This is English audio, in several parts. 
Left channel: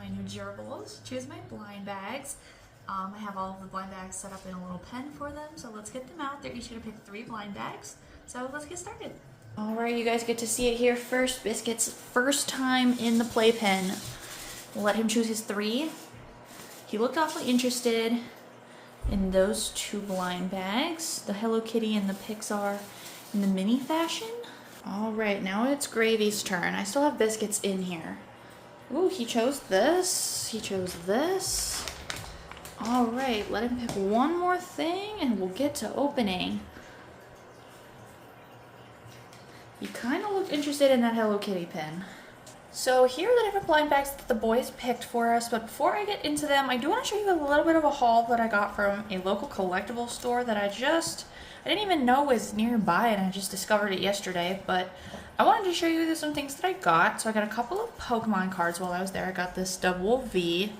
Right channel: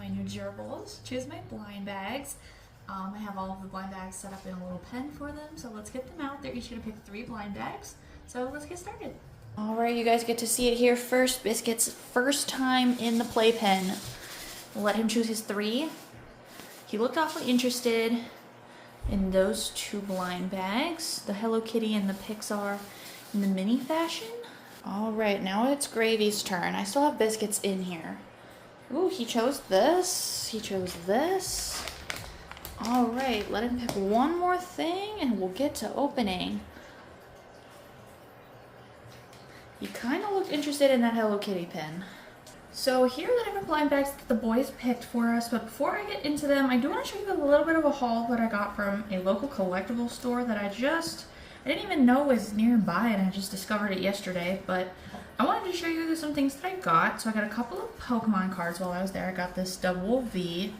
my new Gerbils. Choose my blind bags. I have all of the blind bags set up in a little pen for them, so let's get them out. They're each gonna pick 3 blind bags, so let's get started. All right, you guys get to see it here first. Biscuit's first time in the playpen. We'll let him choose his 3. He looked awfully interested in those 2 blind bags, the Hello Kitty and the Pixar in the mini fashion. All right, now it's Gravy's turn. I still have Biscuits in here. Ooh, he chose this. He chose this. All right, let him pick one more thing and we'll get to opening. He kind of looked interested in that Hello Kitty pin. So here are the different blind bags that the boys picked for us, but before I get into them, I do want to show you a little bit of a haul that I got from a local collectible store that I didn't even know was nearby, and I just discovered it yesterday, but I wanted to show you some things that I got. So I got a couple of Pokemon cards while I was there. I got this double V.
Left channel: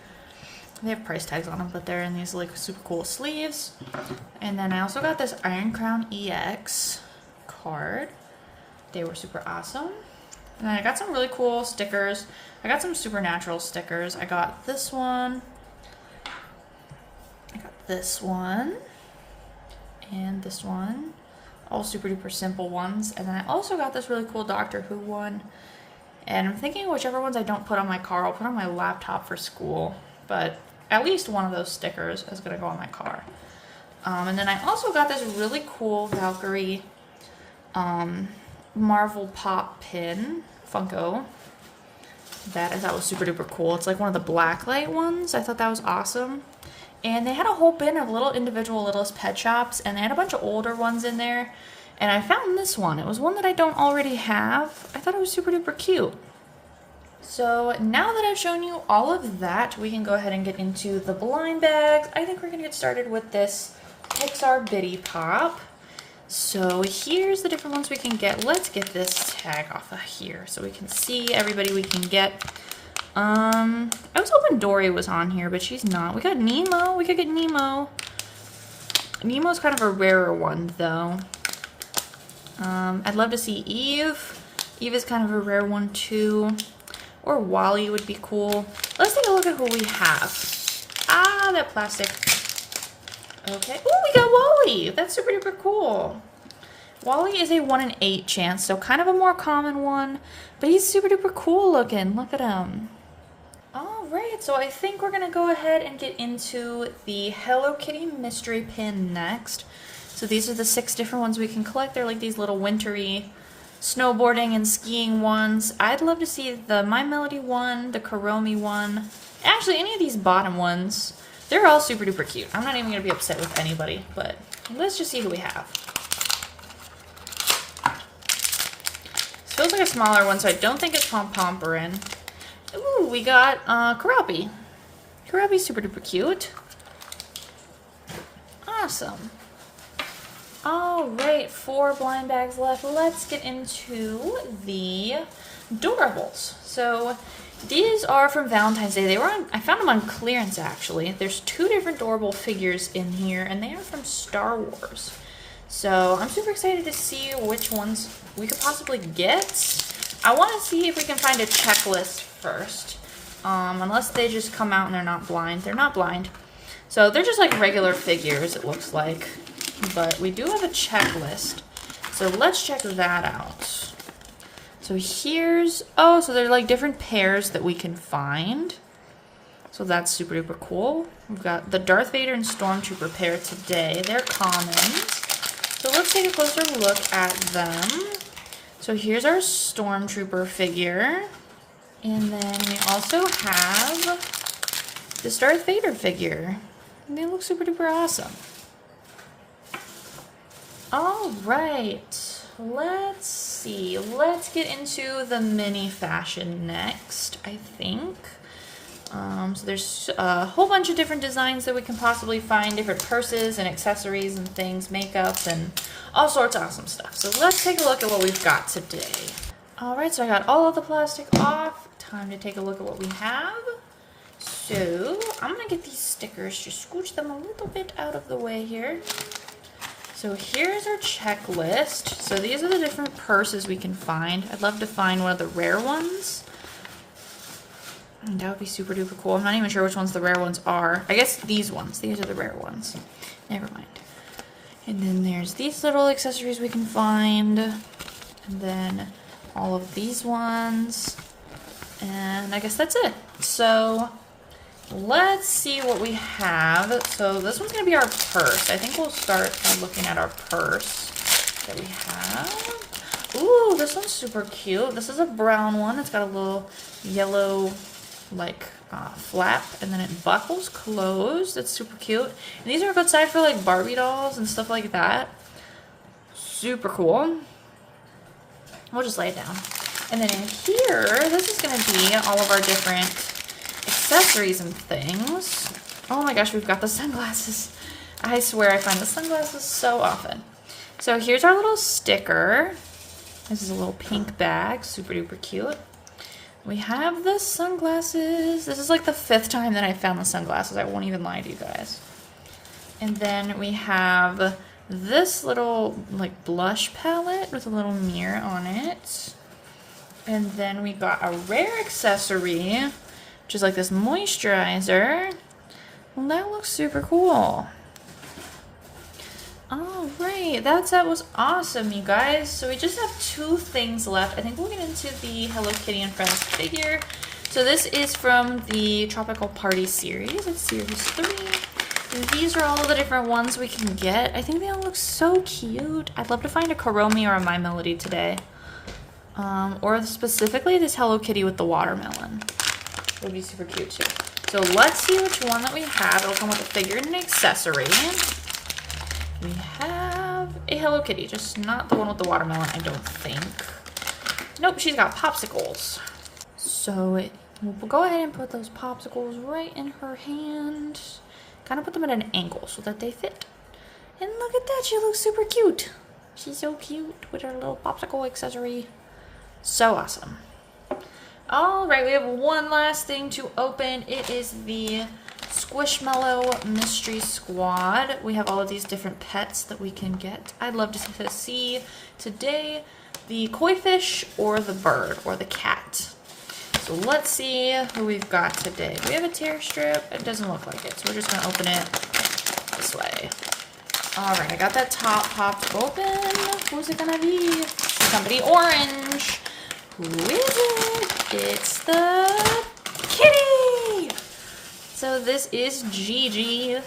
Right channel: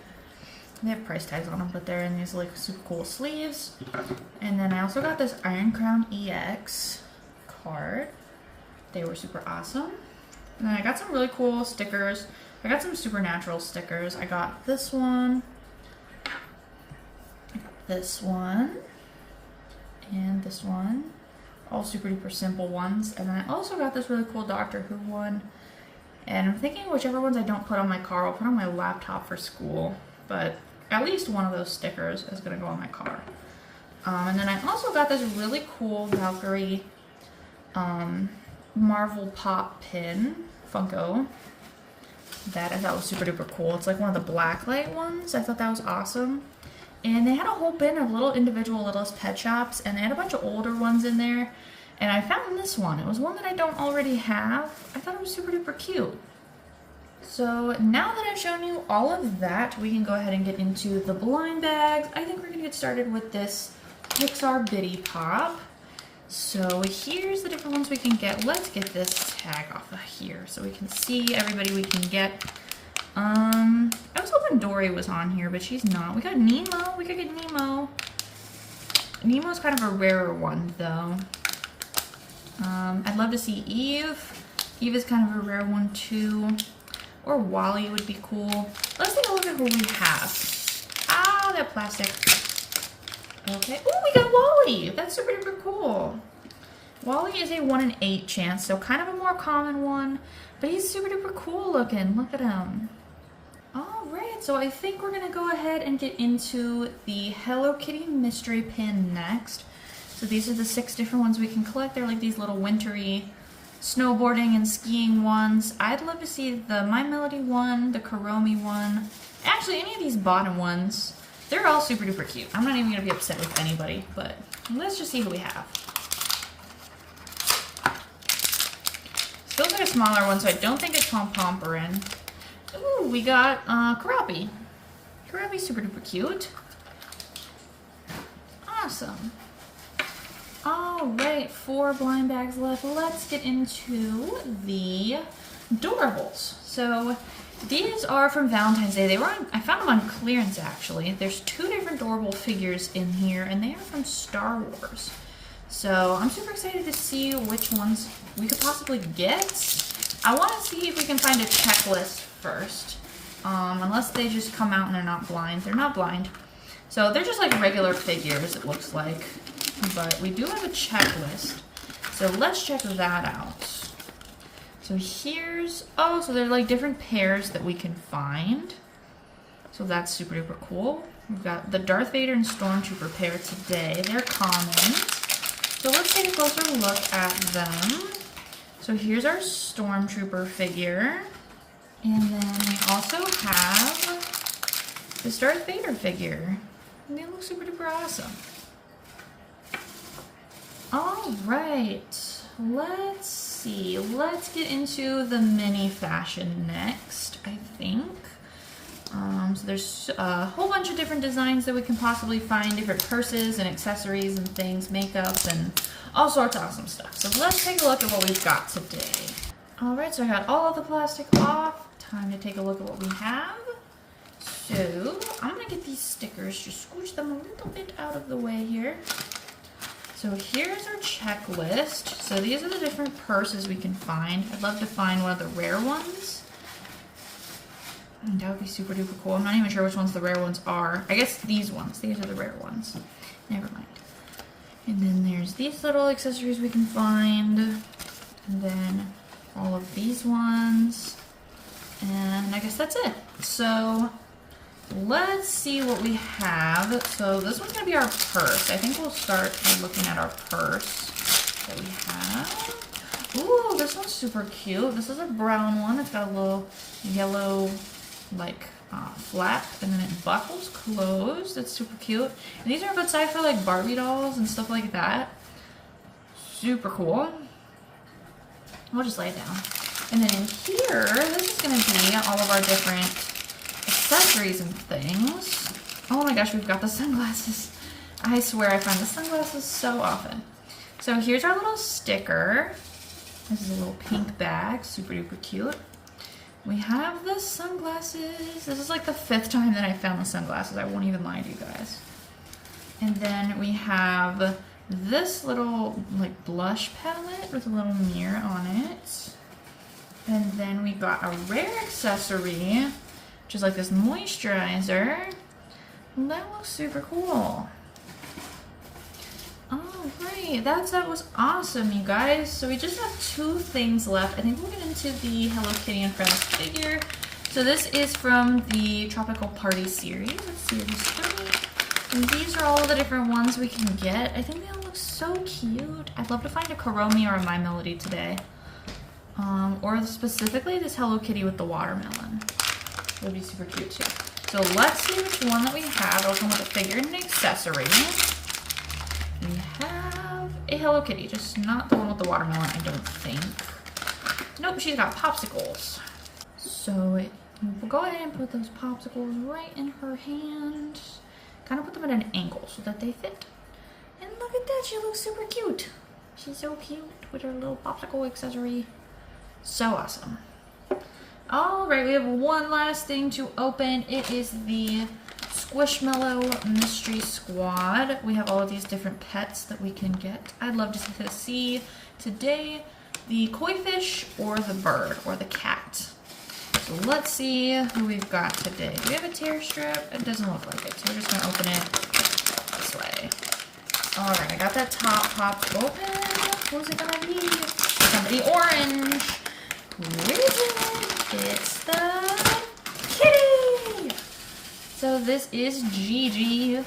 They have price tags on them, but they're in these like super cool sleeves. And then I also got this Iron Crown EX card. They were super awesome. And then I got some really cool stickers. I got some Supernatural stickers. I got this one. I got this one. And this one. All super duper simple ones. And then I also got this really cool Doctor Who one. And I'm thinking whichever ones I don't put on my car, I'll put on my laptop for school. But at least one of those stickers is going to go on my car. And then I also got this really cool Valkyrie Marvel Pop pin, Funko, that I thought was super duper cool. It's like one of the blacklight ones. I thought that was awesome. And they had a whole bin of little individual Littlest Pet Shops, and they had a bunch of older ones in there. And I found this one. It was one that I don't already have. I thought it was super duper cute. So now that I've shown you all of that, we can go ahead and get into the blind bags. I think we're gonna get started with this Pixar Bitty Pop. So here's the different ones we can get. Let's get this tag off of here so we can see everybody we can get. I was hoping Dory was on here, but she's not. We got Nemo. We could get Nemo. Nemo's kind of a rarer one, though. I'd love to see Eve. Eve is kind of a rare one, too. Or Wally would be cool. Let's take a look at what we have. Ah, that plastic. Okay. Oh, we got Wally. That's super duper cool. Wally is a 1 in 8 chance, so kind of a more common one, but he's super duper cool looking. Look at him. All right, so I think we're gonna go ahead and get into the Hello Kitty mystery pin next. So these are the 6 different ones we can collect. They're like these little wintry snowboarding and skiing ones. I'd love to see the My Melody one, the Kuromi one. Actually, any of these bottom ones. They're all super duper cute. I'm not even gonna be upset with anybody, but let's just see who we have. Feels like a smaller one, so I don't think it's Pom Pomperin. Ooh, we got Karabi. Karabi's super duper cute. Awesome. Alright, 4 blind bags left. Let's get into the Doorables. So these are from Valentine's Day. I found them on clearance actually. There's 2 different Doorable figures in here, and they are from Star Wars. So I'm super excited to see which ones we could possibly get. I want to see if we can find a checklist first. Unless they just come out and they're not blind. They're not blind. So they're just like regular figures, it looks like. But we do have a checklist. So let's check that out. So here's, so they're like different pairs that we can find. So that's super duper cool. We've got the Darth Vader and Stormtrooper pair today. They're common. So let's take a closer look at them. So here's our Stormtrooper figure. And then we also have this Darth Vader figure. And they look super duper awesome. All right, let's see. Let's get into the mini fashion next, I think. So there's a whole bunch of different designs that we can possibly find, different purses and accessories and things, makeup and all sorts of awesome stuff. So let's take a look at what we've got today. All right, so I got all of the plastic off. Time to take a look at what we have. So I'm gonna get these stickers, just scooch them a little bit out of the way here. So here's our checklist. So these are the different purses we can find. I'd love to find one of the rare ones. That would be super duper cool. I'm not even sure which ones the rare ones are. I guess these ones. These are the rare ones. Never mind. And then there's these little accessories we can find. And then all of these ones. And I guess that's it. So let's see what we have. So this one's going to be our purse. I think we'll start by looking at our purse that we have. Ooh, this one's super cute. This is a brown one. It's got a little yellow like flap, and then it buckles closed. It's super cute. And these are a good size for like Barbie dolls and stuff like that. Super cool. We'll just lay it down. And then in here, this is going to be all of our different accessories and things. Oh my gosh, we've got the sunglasses. I swear I find the sunglasses so often. So here's our little sticker. This is a little pink bag, super duper cute. We have the sunglasses. This is like the 5th time that I found the sunglasses. I won't even lie to you guys. And then we have this little like blush palette with a little mirror on it. And then we got a rare accessory, which is like this moisturizer. Well, that looks super cool. Alright, that set was awesome, you guys. So we just have 2 things left. I think we'll get into the Hello Kitty and Friends figure. So this is from the Tropical Party series. It's series 3. And these are all the different ones we can get. I think they all look so cute. I'd love to find a Kuromi or a My Melody today. Or specifically this Hello Kitty with the watermelon. It would be super cute too. So let's see which one that we have. It'll come with a figure and an accessory. We have a Hello Kitty, just not the one with the watermelon, I don't think. Nope, she's got popsicles. So we'll go ahead and put those popsicles right in her hand. Kind of put them at an angle so that they fit. And look at that, she looks super cute. She's so cute with her little popsicle accessory. So awesome. All right, we have one last thing to open. It is the Squishmallow Mystery Squad. We have all of these different pets that we can get. I'd love to see today the koi fish or the bird or the cat. So let's see who we've got today. We have a tear strip. It doesn't look like it, so we're just gonna open it this way. All right, I got that top popped open. Who's it gonna be? It's gonna be orange. Who is it? It's the kitty! So this is Gigi.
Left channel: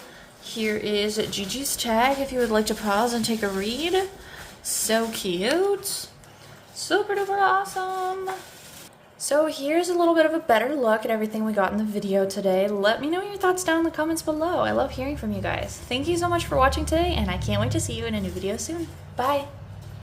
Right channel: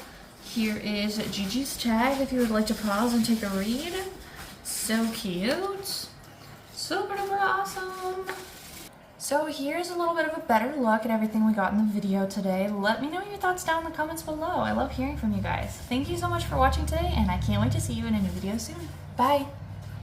Here is Gigi's tag if you would like to pause and take a read. So cute. Super duper awesome. So here's a little bit of a better look at everything we got in the video today. Let me know your thoughts down in the comments below. I love hearing from you guys. Thank you so much for watching today, and I can't wait to see you in a new video soon. Bye!